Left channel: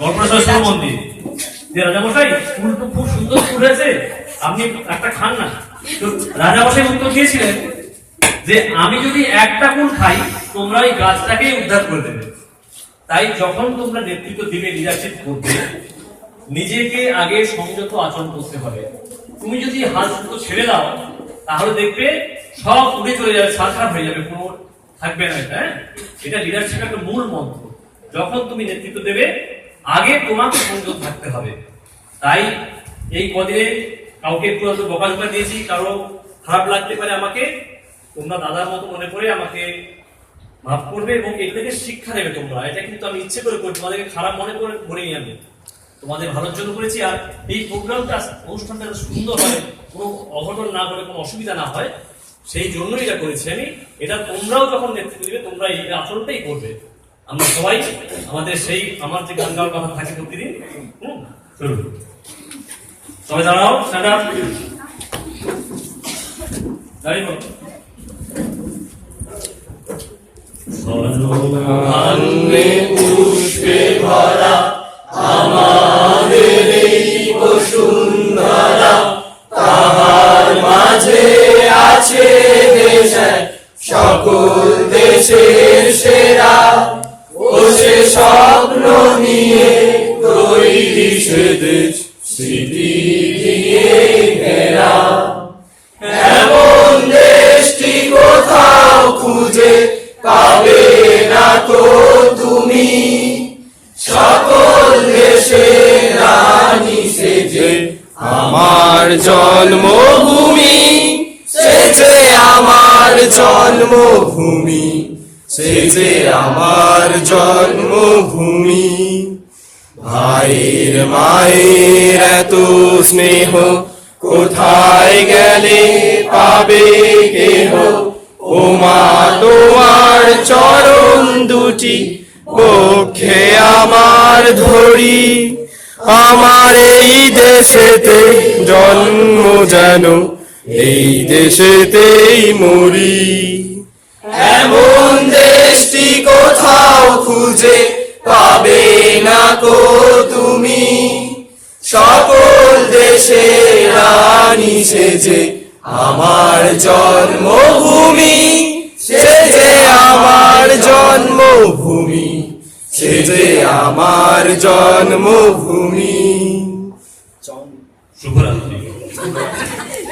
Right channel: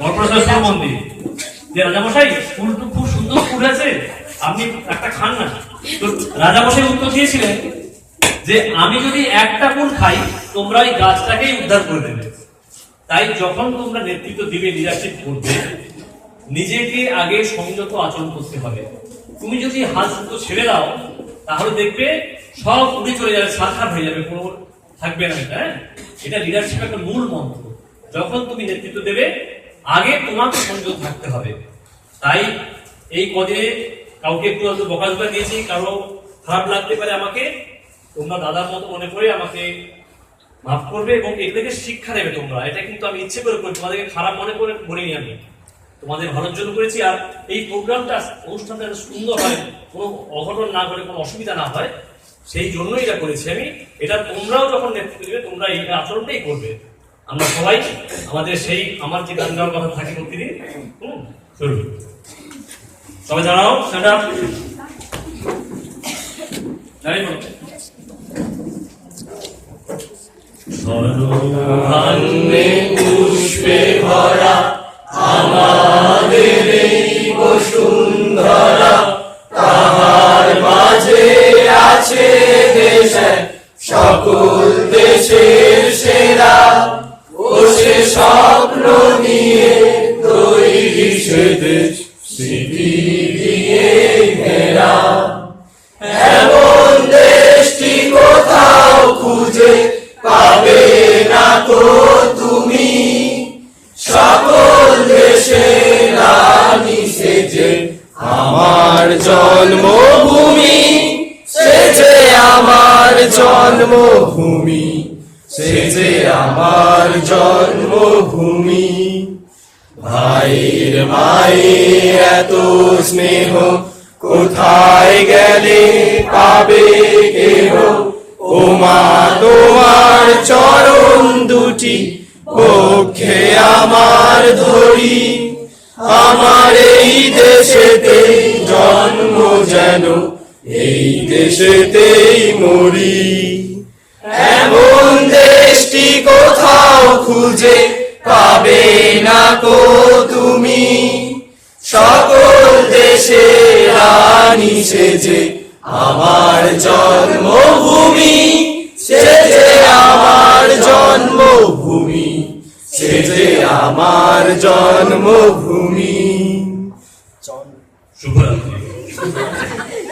গল্পটা শুনে মন দিয়ে যে রাজামশাই ফুল তো খুব সুন্দর ফুল হয়েছে, আপনি একটা খান না। তো রাজামশাই উত্তর দিয়েছিলেন যে আমি যদি একটা ফুল খাই তোমরা ওই গাছটাকেই উদ্ধার করে দেবে। তাই যখন তোমরা নেতৃত্ব দিবে, লিডারশিপ করবে, নিজেকে আগে সংযত আচরণ করতে হবে। তুমি যদি হাত দুটো ছেড়ে দাও তাহলে দেখবে সব উড়ে চলে যাবে, সারখার হয়ে যাবে, কোনো থাকবে না। এটা লিডারশিপের একটা মূল মন্ত্র। যখন তুমি নেতৃত্ব দেবে আগে তোমাকে সংযত থাকতে হবে। তাই এই কদিনে কাউকে একটু বকাঝকা দিয়েছি, কারো খারাপ লাগতে পারে, আমাকে তোমরা দাদার মতো মনে করে আমাকে মাফ করবে এবং এগুলোকে শিক্ষা দেবে তোমরা। এটা কিন্তু আমি ইচ্ছে করে করি, তোমাদেরকে খারাপ মনে করে বলিনি, আমি তোমাদের ভালোর জন্য করেছি। আর এই প্রোগ্রামটা, অনুষ্ঠানটা সুন্দর হয়, কোনো অঘটন না করে, কোনো অসুবিধা না হয়, সেই জন্যই এটা করেছি আমি। এটা তোমরাও যখন নেতৃত্ব দিবে তোমরা এই আচরণটাই করবে। আমরা সবাই আমাদের সেই আমার যে গান গাওয়ার কথা থাকি প্রতিদিন, চলুন সবাই দাঁড়াও, স্ট্যান্ড আপ, দাঁড়িয়ে বলো। স্বর্ণভান্নে পুষ্পে ভরা আমাদের এই বসুন্ধরা, তাহার মাঝে আছে দেশে সকল দেশের সেরা, ও সে স্বপ্ন নিয়ে তৈরি সে দেশ স্মৃতি দিয়ে ঘেরা। এমন দেশটি কোথাও খুঁজে পাবে না তো তুমি, সকল দেশের রানী সেজে আমার জন্মভূমি, সেজে আমার জন্মভূমি, সেজে আমার জন্মভূমি। ভাইয়ের মায়ের এত স্নেহ কোথায় গেলে পাবে কেহ, ও মা তোমার চরণ দুটি বক্ষে আমার ধরি, আমার এই দেশেতে জন্ম যেন এই দেশেতেই মরি। এমন দেশটি কোথাও খুঁজে পাবে না কো তুমি, সকল দেশের রানী সেজে আমার জন্মভূমি, সেজে আমার জন্মভূমি, সেজে আমার জন্মভূমি। শুভরাত্রি।